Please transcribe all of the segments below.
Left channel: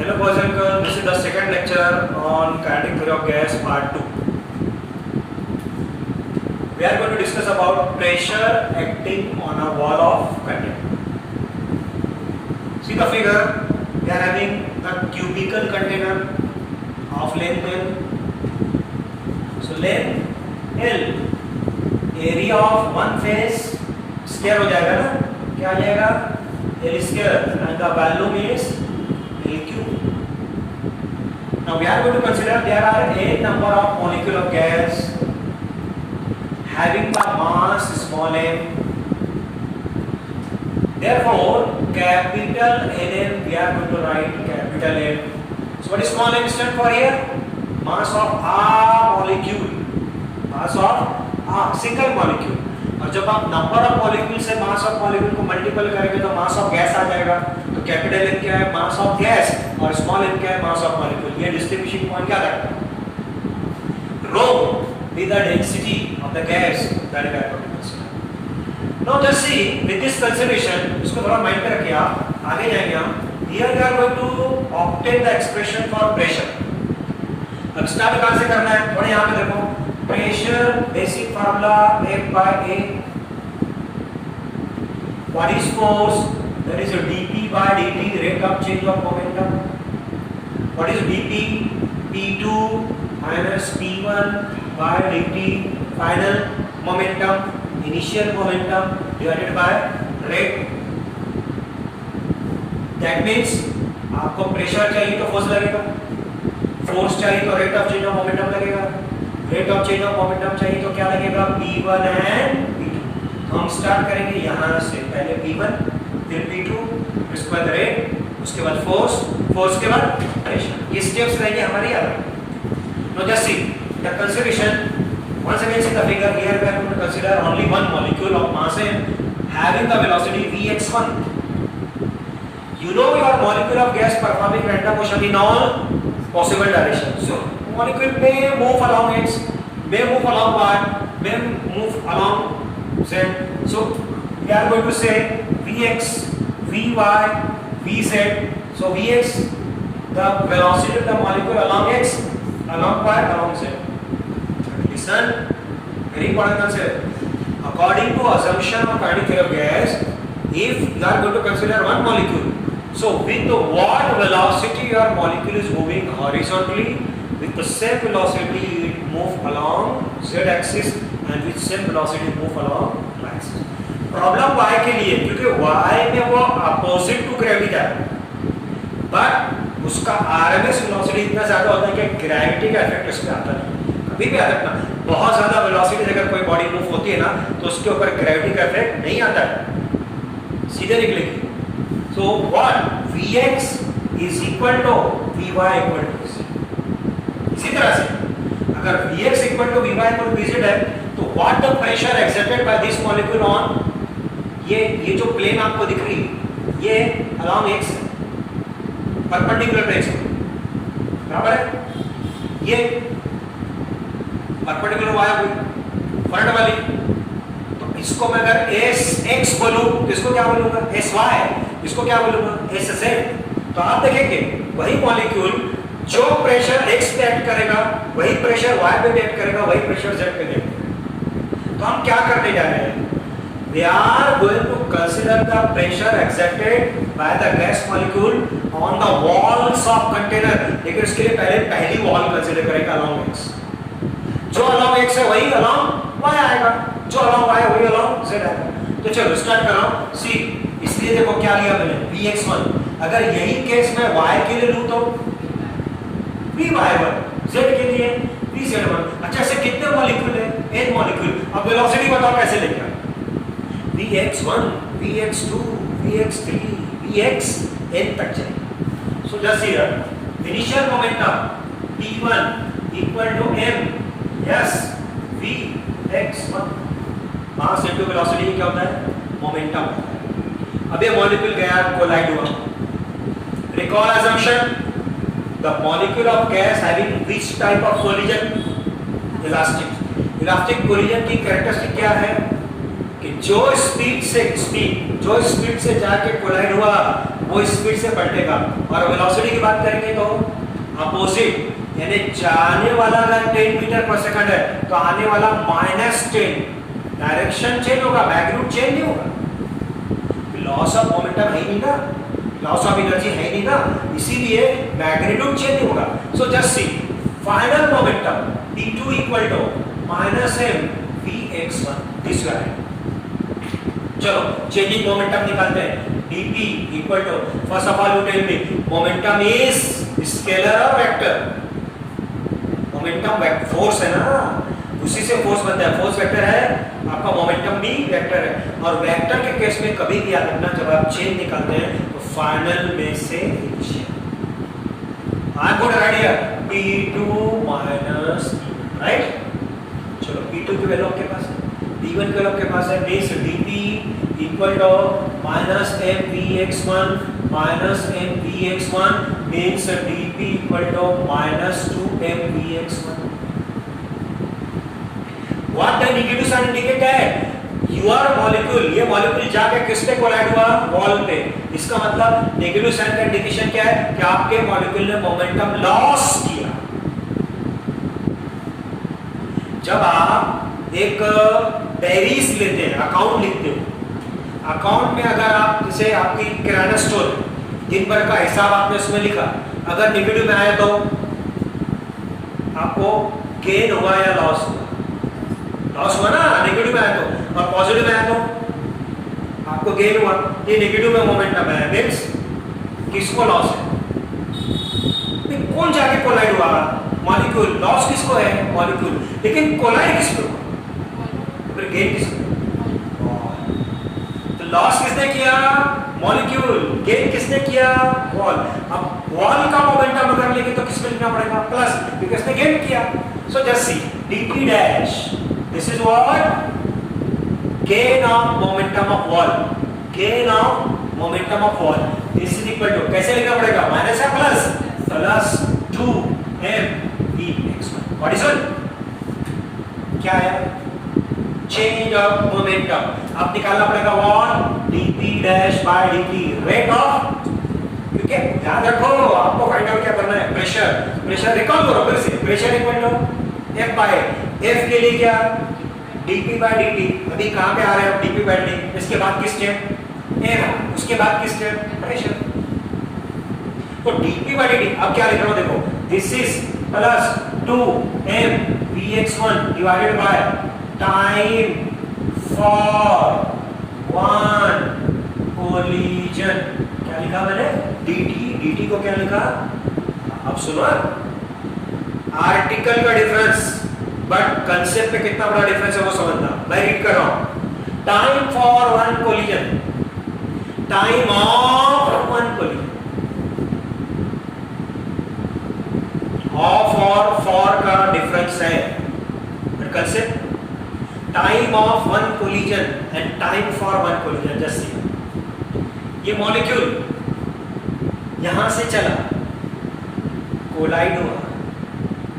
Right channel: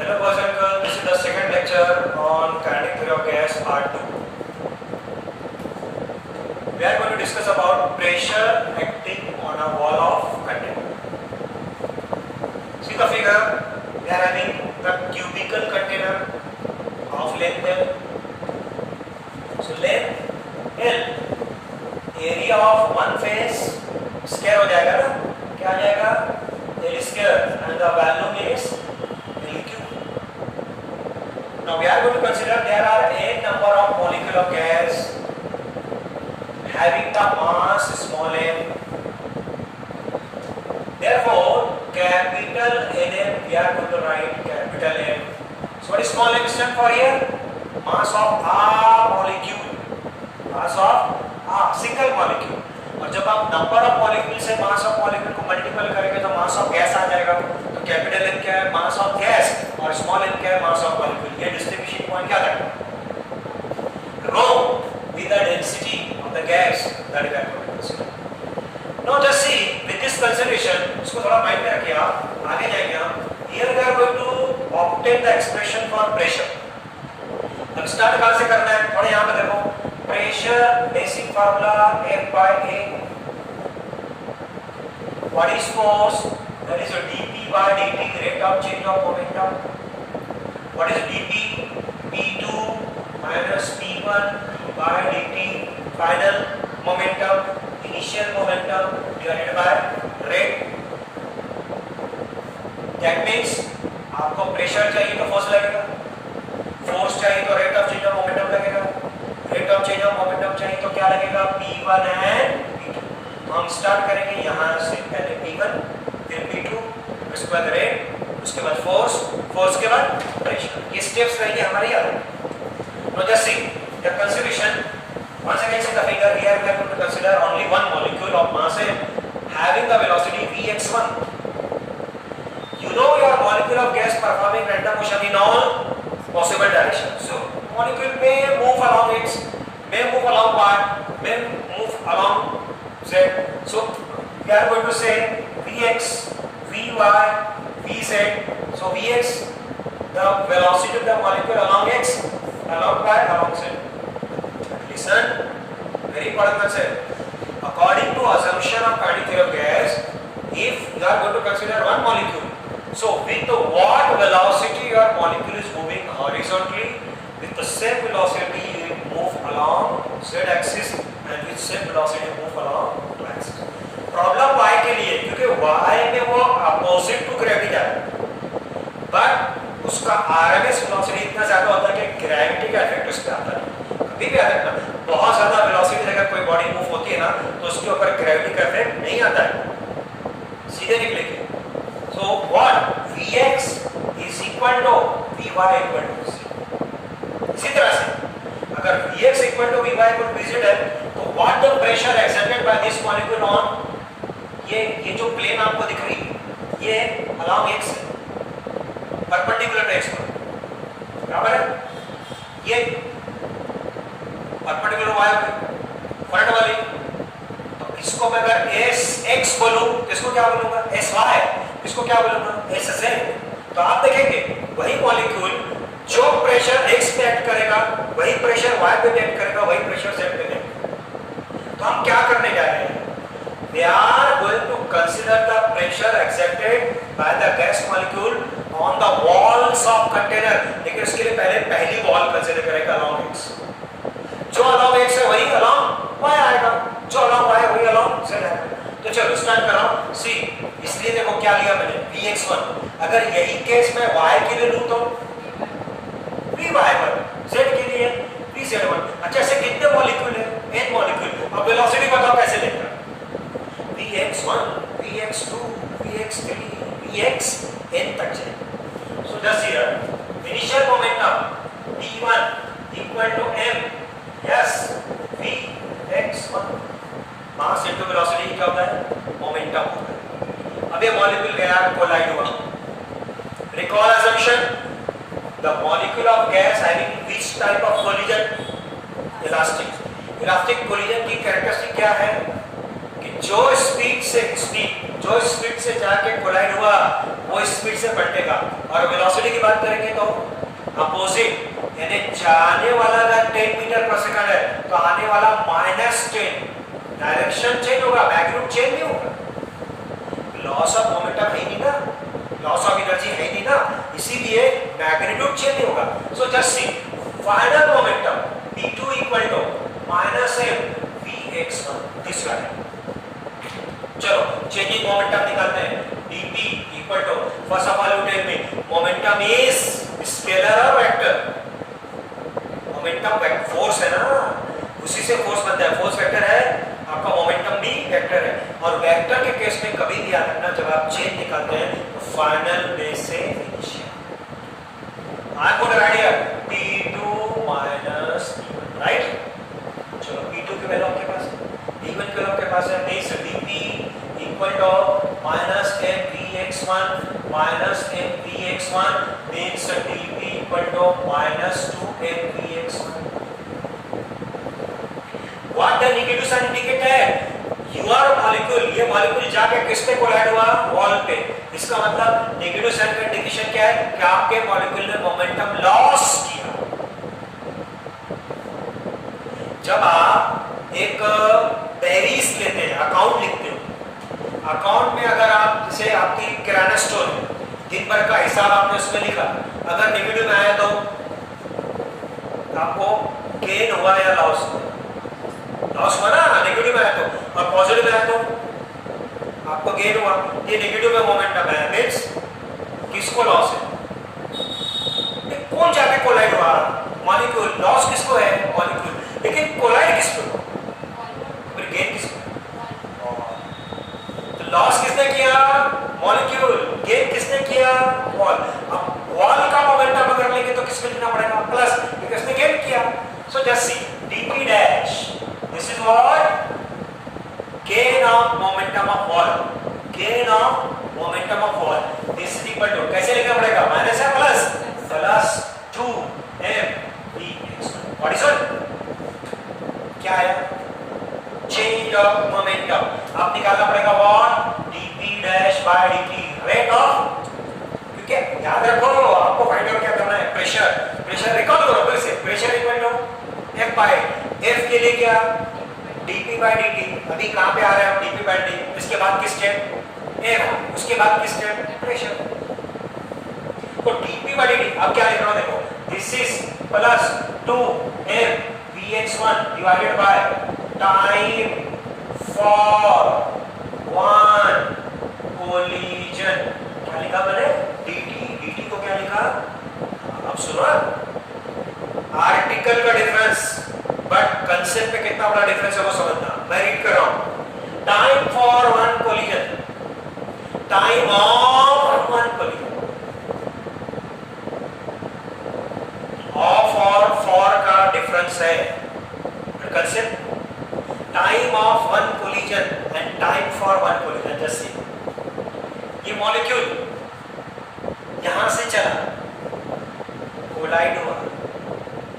Hello boys and girls, this is the second lecture on kinetic theory of gas part 2. We are going to discuss about pressure acting on a wall of container. See the figure, we are having the cubical container of length L. So length L, area of one face square हो जाएगा ना, क्या आ जाएगा L square and the volume is L cube. Now we are going to consider there are a number of molecules of gas having the mass small m. Therefore, capital N we are going to write capital M. So what is small m stand for here? Mass of a molecule. Mass of a single molecule. और जब आप number of molecule से मास of molecule को multiple करेंगे तो मास of gas आ जाएगा. तो capital M क्या है? Mass of gas. और स्मॉल एम क्या है? Mass of molecule. ये डिस्ट्रीब्यूशन पॉइंट क्या करता है? Rho with the density of the gas that is equal. Now just see with this consideration, इसको थोड़ा माइंड में रखिए. आप आगे जाएंगे हम. Here we are going to obtain the expression for pressure. अब स्टार्ट कहां से करना है? थोड़ा यहां पे देखो. Pressure basic formula F by A. What is force? That is a dP by dt, rate of change of momentum. What is dP? P2 minus P1 by dt, final momentum, initial momentum divided by rate. That means आपको pressure चाहिए तो force लगेगा, force चाहिए तो rate of change of momentum लगेगा, rate of change of momentum चाहिए तो क्या लगेगा? P1 and P2. तो हम स्टार्ट करेंगे यहाँ से. पहले P1 फिर P2, उसके बाद रेट, उसके बाद फोर्स, फोर्स के बाद प्रेशर. ये स्टेप्स रहेंगे हमारे याद. Know just see the consideration. once again see the figure. Here we are going to consider only one molecule of mass m having the velocity vx1. You know your molecule of gas performing random motion in all possible directions. So molecule may move along its, may move along y, may move along z. So we are going to say Vx, Vy, Vz. So Vx, the velocity of the molecule along x, along y, along z. Listen, very important concept. According to assumption of kinetic theory of gas, if you are going to consider one molecule, so with what velocity your molecule is moving horizontally, with the same velocity you move along z-axis and with same velocity you move along y-axis. Problem y के लिए, क्योंकि y में वो opposite to gravity है, but उसका RMS velocity इतना ज्यादा होता है कि ग्रेविटी का इफेक्ट उस पर आता नहीं. कभी भी याद रखना, बहुत ज्यादा वेलोसिटी अगर कोई बॉडी मूव होती है ना तो उसके ऊपर ग्रेविटी का इफेक्ट नहीं आता है, सीधे निकलेगी. So what? Vx is equal to Vy equal to z. इसी तरह से अगर Vx equal to Vy equal to Vz है तो what the pressure exerted by this molecule on, ये जो प्लेन आपको दिख रही है ये along x perpendicular to x बराबर है. ये परपेंडिकुलर y हुई फ्रंट वाली. तो इसको मैं अगर sx बोलूं तो इसको क्या बोलूंगा? sy. इसको क्या बोलूंगा? SZ. तो आप देखेंगे वही मॉलिक्यूल जो प्रेशर x पे एक्ट करेगा वही प्रेशर y पे एक्ट करेगा, वही प्रेशर z पे एक्ट करेगा. तो हम क्या करने जा रहे हैं? We are going to consider the pressure exerted by the gas molecule on the walls of container. लेकिन उसके लिए पहले पहली वॉल कंसीडर करेगा along x. जो along x है वही along y आएगा, जो along y वही along z आएगा. तो चलो स्टार्ट कर रहा हूं. सी, इसलिए देखो क्या लिया मैंने Vx1. अगर यही केस मैं y के लिए लूं तो Vy1, z के लिए Vz1. अच्छा, ऐसे कितने मॉलिक्यूल है? n molecule. अब वेलोसिटी बताओ कैसे लेगा? Vx1, Vx2, Vx3, Vxn तक जाएगा. So just here initial momentum P1 equal to m. Yes, Vx1 mass into velocity क्या होता है? मोमेंटम होता है. अब ये मॉलिक्यूल गया, कोलाइड हुआ. Recall assumption, the molecule of gas having which type of collision? Elastic. Elastic collision की कैरेक्टरिस्टिक क्या है कि जो स्पीड से जाके कोलाइड हुआ वो स्पीड से पलटेगा। और वेलोसिटी की बात करेंगे तो अपोजिट, यानी जाने वाला अगर 10 मीटर पर सेकंड है तो आने वाला -10, डायरेक्शन चेंज होगा, मैग्नीट्यूड चेंज नहीं होगा। लॉस ऑफ मोमेंटम है नहीं ना, लॉस ऑफ एनर्जी है नहीं ना, इसीलिए मैग्नीट्यूड चेंज नहीं होगा। So just see final momentum d2 equal to -m vx1 this वाला। चलो चेंजिंग मोमेंटम निकालते हैं। dp equal to, first of all you tell me momentum is scalar और वेक्टर? मोमेंटम फोर्स है ना, उसी से फोर्स बनता है, फोर्स वेक्टर है, आपका मोमेंटम भी वेक्टर है। और वेक्टर के केस में कभी भी याद रखना, जब आप चेंज निकालते हैं तो फाइनल में से initial. I am going to write here p2 minus, right? चलो p2 की वैल्यू आपके पास है, p1 की वैल्यू आपके पास है, बेस dp equal to -m vx1 -m vx1 means dp equal to -2m vx1. What the negative sign indicate है? Your molecule, ये molecule जाके किस पे कोलाइड हुआ? वॉल पे। इसका मतलब नेगेटिव साइन का इंडिकेशन क्या है? कि आपके मॉलिक्यूल ने मोमेंटम लॉस किया। जब आप एक डायरीज लेते हैं, अकाउंट लिखते हो, अकाउंट में अगर आप, जैसे आपकी किराना स्टोर है, दिन भर का हिसाब आपने उसमें लिखा, अगर नेगेटिव में आया तो आपको गेन हुआ या लॉस हुआ? लॉस हुआ ना, नेगेटिव में आया तो। और पॉजिटिव में आया तो आपको गेन हुआ। ये नेगेटिव में मोमेंटम है, मींस किसको लॉस है? कौन जाके कोलाइड हुआ? मॉलिक्यूल। लॉस किसको है? मॉलिक्यूल। लेकिन कोलाइड किसको? फिर गेन किसको? लॉस किसने किया? मॉलिक्यूल। गेन किसने किया? वॉल। अब वॉल का मोमेंटम अगर लेके तो किसमें लिखना पड़ेगा? प्लस, क्योंकि इसने गेन किया। So just see dp dash, this is what? Gain of momentum of wall, gain of momentum of wall. This is equal to, कैसे लिखना पड़ेगा? माइनस है plus, plus 2m vx1। What is it? क्या है? Change of momentum. अब निकालना पड़ेगा what? dp dash by dt, rate of, क्योंकि याद रखो आपको फाइंड आउट क्या करना है? प्रेशर। प्रेशर रिकॉल करो फिर से, pressure equal to f by, f के लिए क्या? dp by dt। अभी कहां पे आ रहे हैं हम? dp by dt। इसके बाद किस स्टेप? f। उसके बाद किस स्टेप? प्रेशर। तो dp बाय dt, अब क्या लिख रहा हूं देखो, this is plus 2m vx1 divided by time for one collision. क्या लिखा मैंने? dt को क्या लिखा? अब सुनो, आर्टिकल का डिफरेंस, बट कंसेप्ट पे कितना बड़ा डिफरेंस है वो समझना। मैं रीड कर रहा हूं, time for one collision, time of one collision. Of और फॉर का डिफरेंस है, but concept time of one collision and time for one collision. जैसे ये मॉलिक्यूल यहां से चला, कोलाइड हुआ,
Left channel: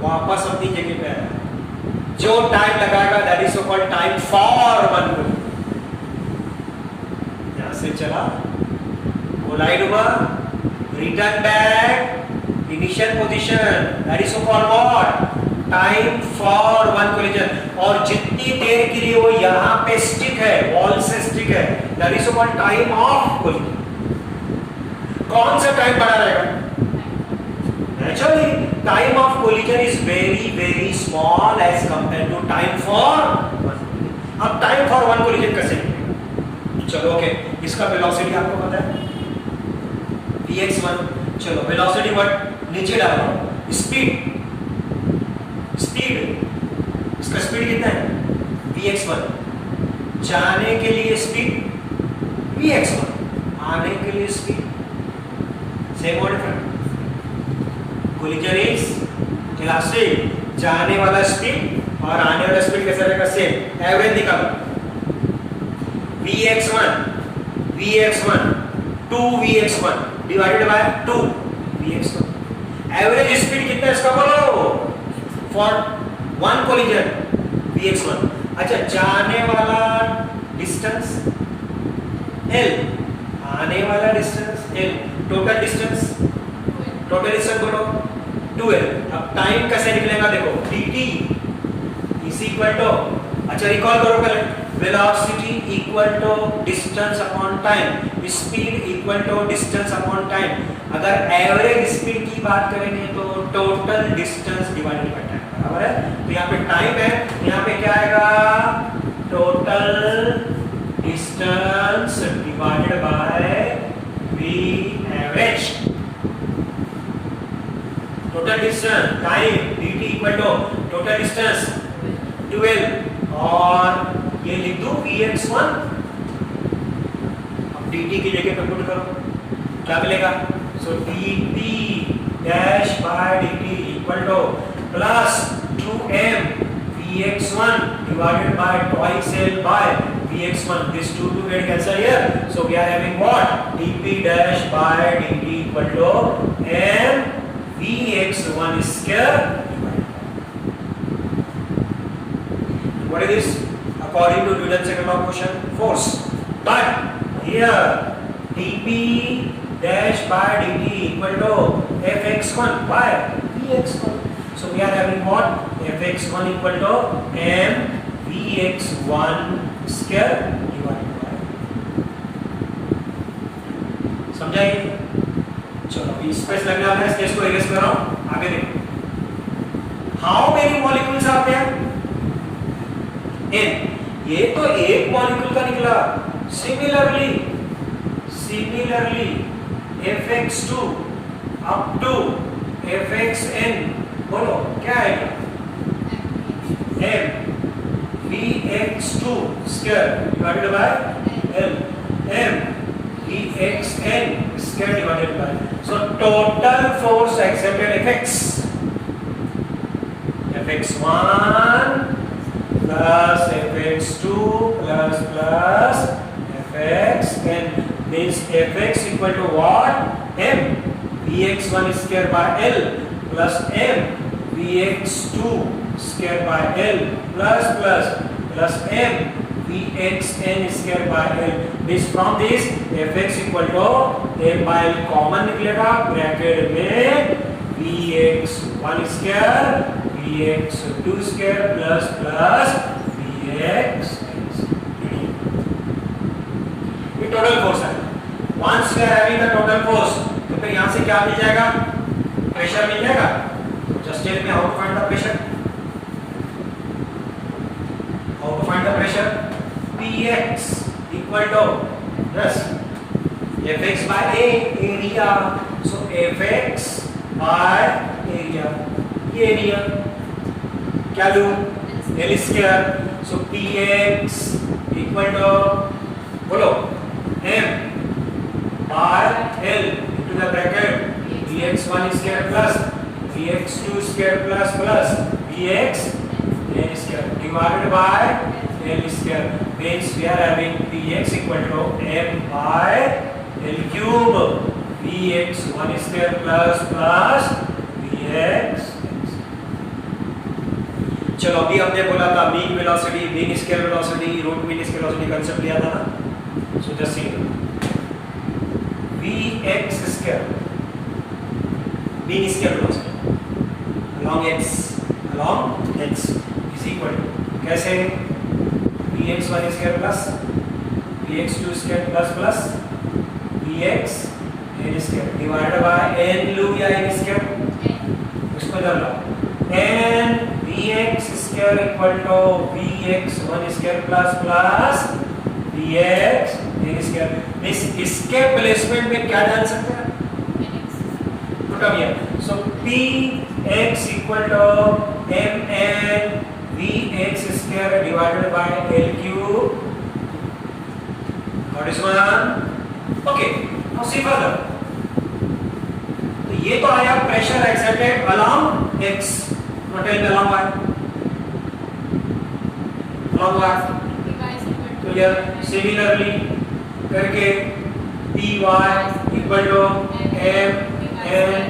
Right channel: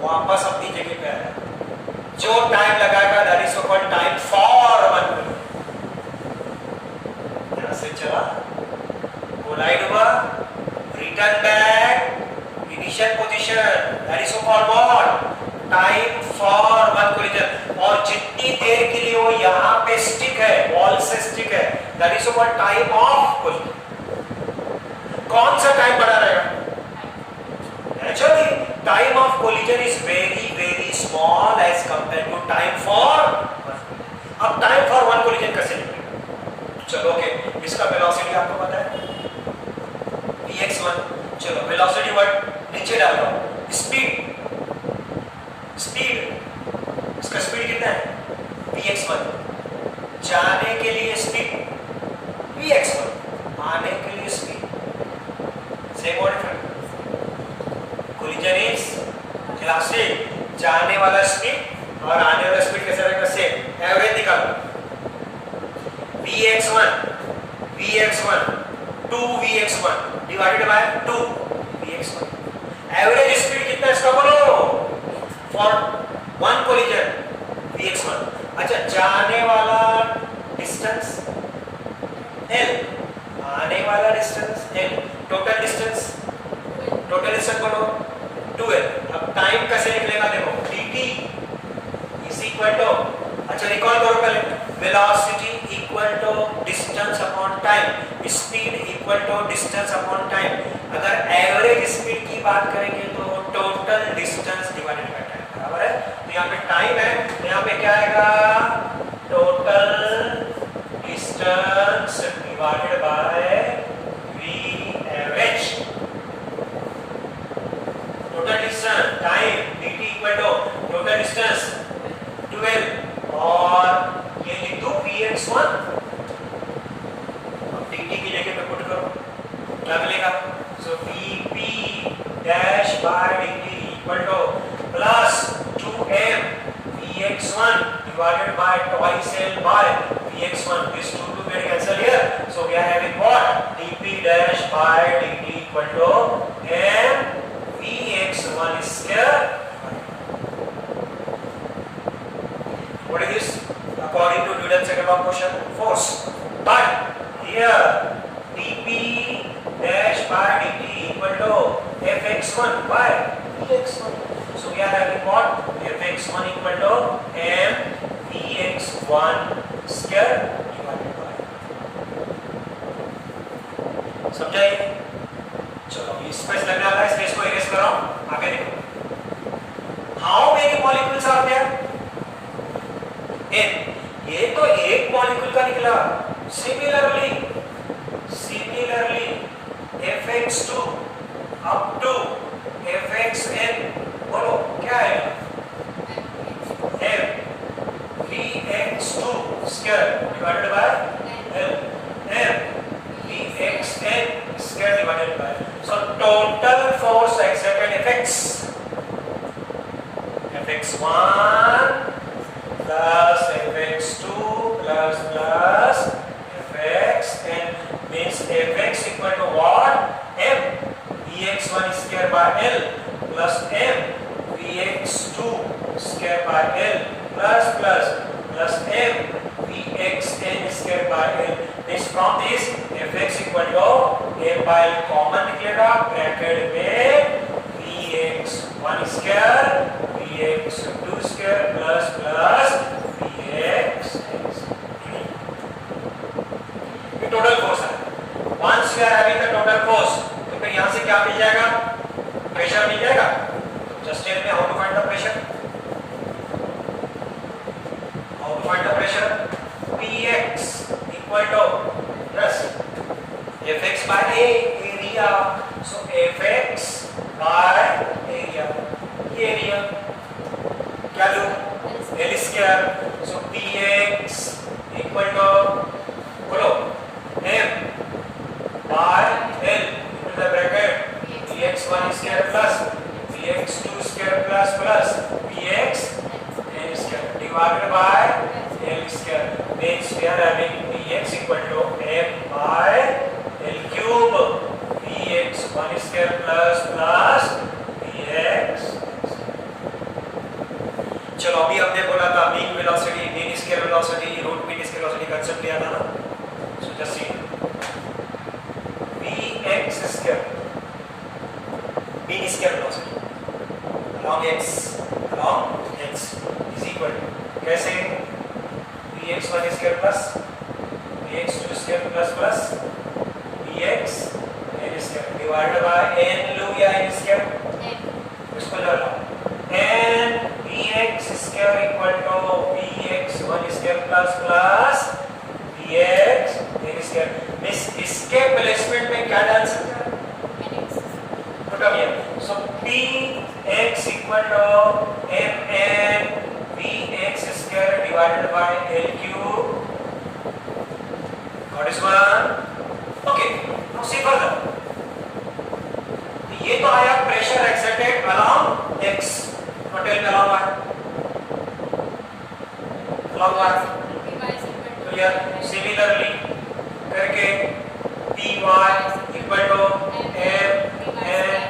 वापस अपनी जगह पे आया, जो टाइम लगाएगा that is called time for one collision. यहां से चला, कोलाइड हुआ, return back initial position, that is called what? Time for one collision. और जितनी देर के लिए वो यहां पे स्टिक है, वॉल से स्टिक है, that is called time of collision. कौन सा टाइम बड़ा रहेगा? Naturally time of collision is very very small as compare to time for one. अब टाइम फॉर वन कोलिजन कैसे लिखेंगे? चलो ओके, इसका वेलोसिटी आपको पता है vx1। चलो वेलोसिटी वर्ड नीचे डाल रहा हूं, स्पीड, स्पीड, इसका स्पीड कितना है? vx1। जाने के लिए स्पीड vx1, आने के लिए स्पीड सेम और डिफरेंट। कोलिजन इज इलास्टिक, जाने वाला स्पीड और आने वाला स्पीड कैसा रहेगा? सेम। एवरेज निकालो, vx1 2vx1 divided by 2vx1। Average speed कितना इसका बोलो? For one collision vx1। अच्छा, जाने वाला डिस्टेंस l आने वाला डिस्टेंस l, टोटल डिस्टेंस बोलो 2l। अब टाइम कैसे निकलेगा देखो, dt इज इक्वल टू, अच्छा रिकॉल करो पहले, velocity equal to distance upon time, speed equal to distance upon time. अगर एवरेज स्पीड की बात करेंगे तो total distance divided by time, बराबर है। तो यहाँ पे टाइम है, यहाँ पे क्या आएगा, total distance divided by v average. Total distance time dt equal to total distance 12, और ये लिख दो vx1। अब dt की जगह पे पुट करो, क्या मिलेगा, सो dp dash by dt equal two plus 2m vx1 divided by twice l by vx1. This 2 get cancelled here, so we are having what, dp dash by dt equal to m vx1 square. What is this? According to Newton's second law of motion, force. But here dp dash by dt equal to fx1 by vx1. So we are having what, fx1 equal to m vx1 square divided by, समझाइए। चलो अभी space लगने वाला है, space को erase कर रहा हूं, आगे देखो। How many molecules are there, n, ये तो एक मॉलिक्यूल का निकला। Similarly fx2 up to fxn, बोलो क्या है, m vx2 square divided by l, m vxn square divided by, so total force exerted fx1 plus fx2 plus fxn means fx equal to what, m vx1 square by l plus m vx2 square by l plus m vxn square by l, means from this fx equal to m by l common निकलेगा, bracket में vx1 square vx2 square plus vxn square, ये total force है। once we are having the total force, तो फिर यहाँ से क्या मिल जाएगा, प्रेशर मिल जाएगा। Just tell me how to find the pressure, how to find the pressure, px equal to yes fx by a, area, so fx by area, ये area क्या लूं, l square, so px equal to, बोलो, m by l into the bracket vx1 square plus vx2 square plus vxn square divided by l square, means we are having px equal to m by l cube vx1 square plus vx। चलो अभी हमने बोला था mean velocity, mean square velocity, root mean square velocity concept लिया था ना, so just see vx square mean square velocity along x is equal to, कैसे, vx1 square plus vx2 square plus vxn square divided by n लूं या n square, इसको डाल लो, n vx square equal to vx1 square plus vxn square, इस इसके placement में क्या डाल सकते हैं, put up here, so px equal to mn vx square divided by l cube, got this one, okay, now see further, तो ये तो आया प्रेशर एक्सर्टेड along x, टेल में along y, along y, तो ये सिमिलरली करके py equal to mn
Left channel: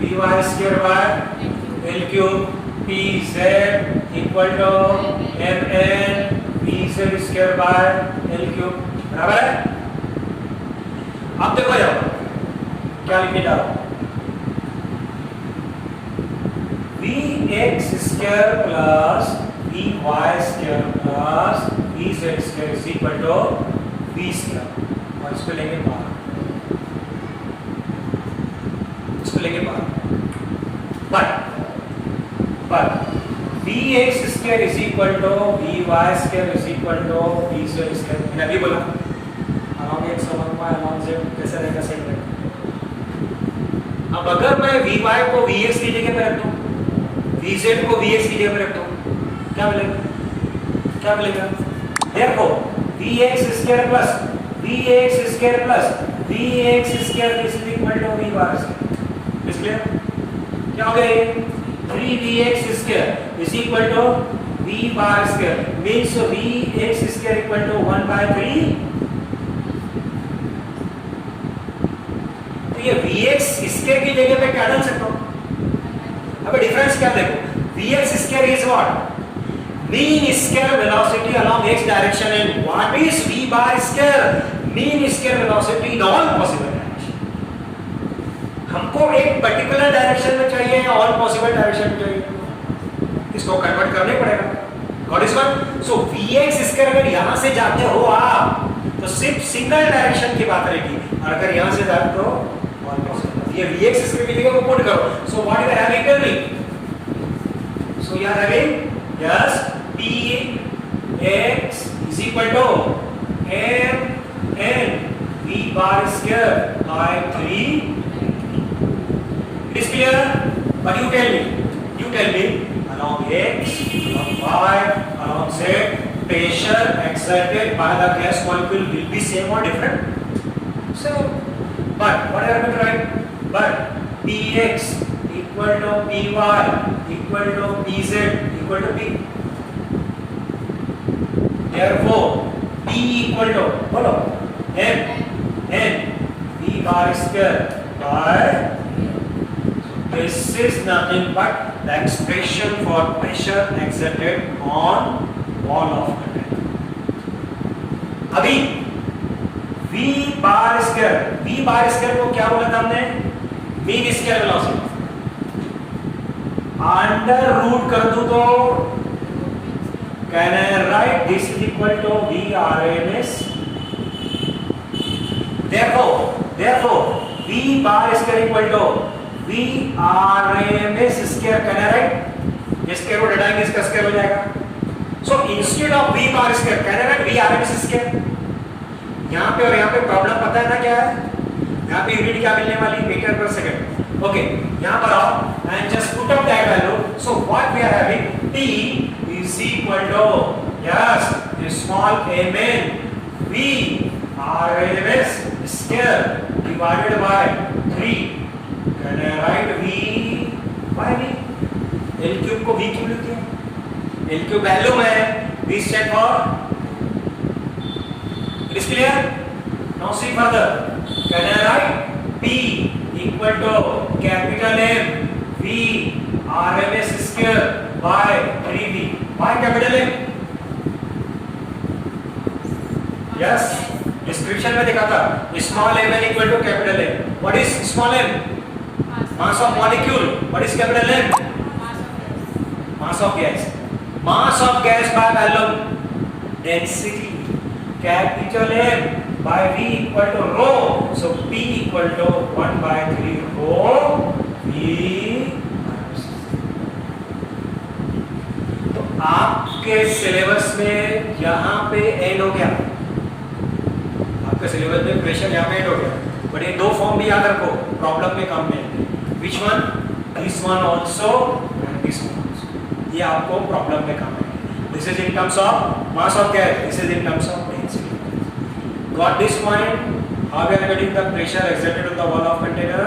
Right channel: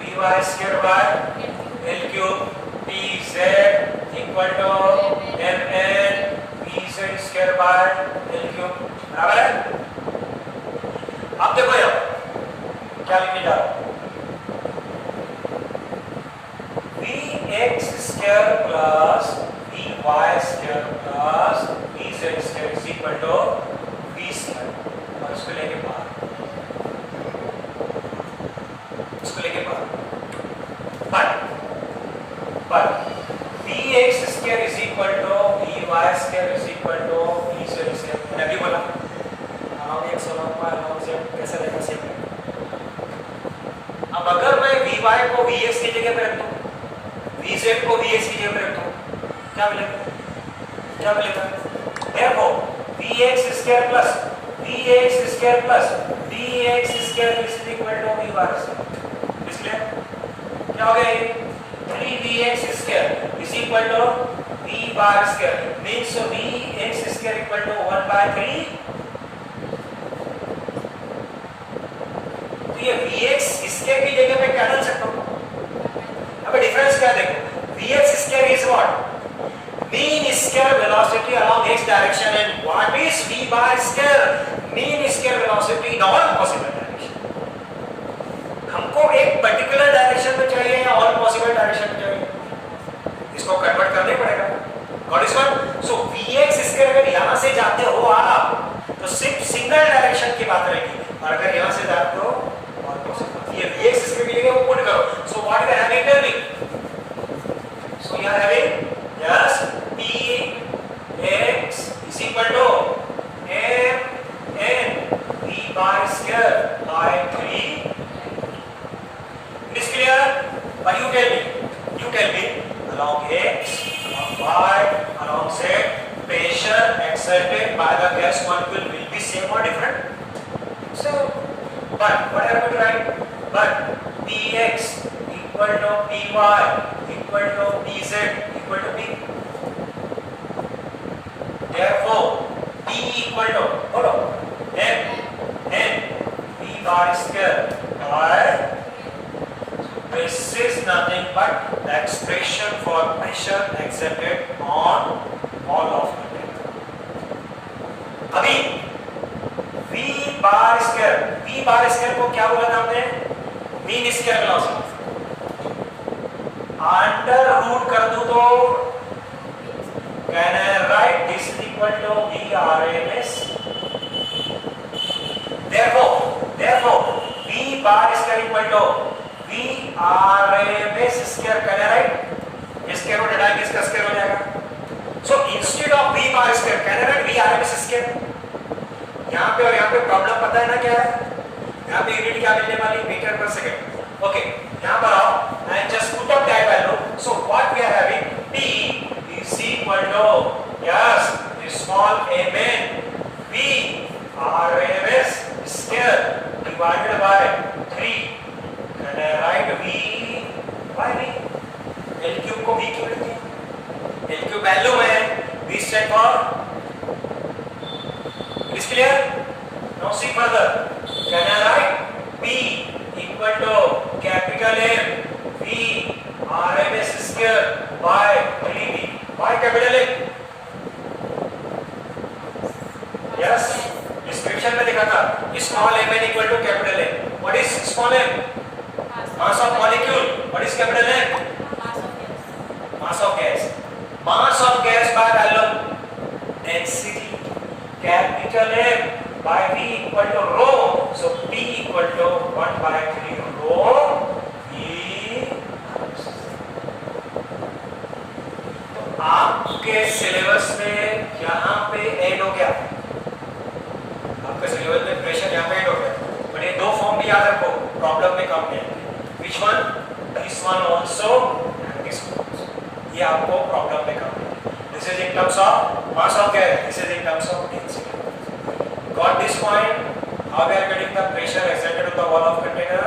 vy square by l cube, pz equal to mn vz square by l cube, बराबर है। अब देखो यहाँ क्या लिखने जा रहा हूं, Vx square plus Vy square plus Vz square is equal to V square, और इसको लेंगे बाहर, इसको लेंगे बाहर, but Vx square is equal to Vy square is equal to Vz square, मैंने अभी बोला along x along z कैसे रहेगा, सही रहेगा। अब अगर मैं Vy को Vx की जगह पे रखता हूँ, Vz को Vx की जगह पे रखता हूँ, क्या मिलेगा, क्या मिलेगा? Therefore Vx square plus Vx square plus Vx square is equal to V bar square, इसलिए क्या हो गया ये 3Vx square is equal to V bar square, means Vx square equal to 1 by 3। तो ये Vx square की जगह पे क्या डाल सकता हूँ? अब डिफरेंस क्या देखो, Vx square is what? Mean square velocity along x direction, and what is V bar square? Mean square velocity in all possible direction। हमको एक पर्टिकुलर डायरेक्शन में चाहिए या ऑल पॉसिबल डायरेक्शन में चाहिए, इसको कन्वर्ट करना ही पड़ेगा। Got is one. So Vx square अगर यहां से जाते हो आप तो सिर्फ सिंगल डायरेक्शन की बात रहेगी, और अगर यहां से जाते हो ऑल पॉसिबल, ये Vx स्क्वायर मिलेगा वो पुट करो। So what you are having turning, so you are having yes Px is equal to mn V bar square by 3। It is clear? But you tell me along x, along y, along z, pressure exerted by the gas molecule will be same or different? So, but what I have to write? But Px equal to Py equal to Pz equal to P। Therefore, P equal to बोलो n V bar square by, this is nothing but the expression for pressure exerted on wall of container। अभी V bar square को क्या बोला था हमने? Mean square velocity, under root कर दूं तो can I write this is equal to Vrms? Therefore V bar square equal to Vrms square, can I write? इस स्क्वायर को हटाएंगे इसका स्क्वायर हो जाएगा। So instead of V bar square can I write Vrms square? यहाँ पे और यहाँ पे प्रॉब्लम पता है ना क्या है? यहाँ पे यूनिट क्या मिलने वाली, मीटर पर सेकंड। ओके, यहाँ पर आओ and just put up that value। So what we are having, T is equal to yes small mn V Rms square divided by 3। Can I write V by V? L cube को V क्यों लिखते हैं? L cube value है, V stand for, it is clear? Now see further, can I write P equal to capital M V Rms square by 3V? Why capital M? Yes, description में दिखा था small m n equal to capital M। What is small m? Mass of molecule। What is capital M? Mass of gas। Mass of gas by volume density, capital M by V equal to rho। So P equal to 1 by 3 rho V। आपके syllabus में यहाँ पे and हो गया, आपके syllabus में pressure यहाँ पे एंड हो गया, बट ये दो फॉर्म भी याद रखो, प्रॉब्लम में काम में। Which one? This one also and this one also, ये आपको प्रॉब्लम में काम है। This is in terms of mass of gas, this is in terms of density. Got this point? How we are getting the pressure exerted on the wall of container?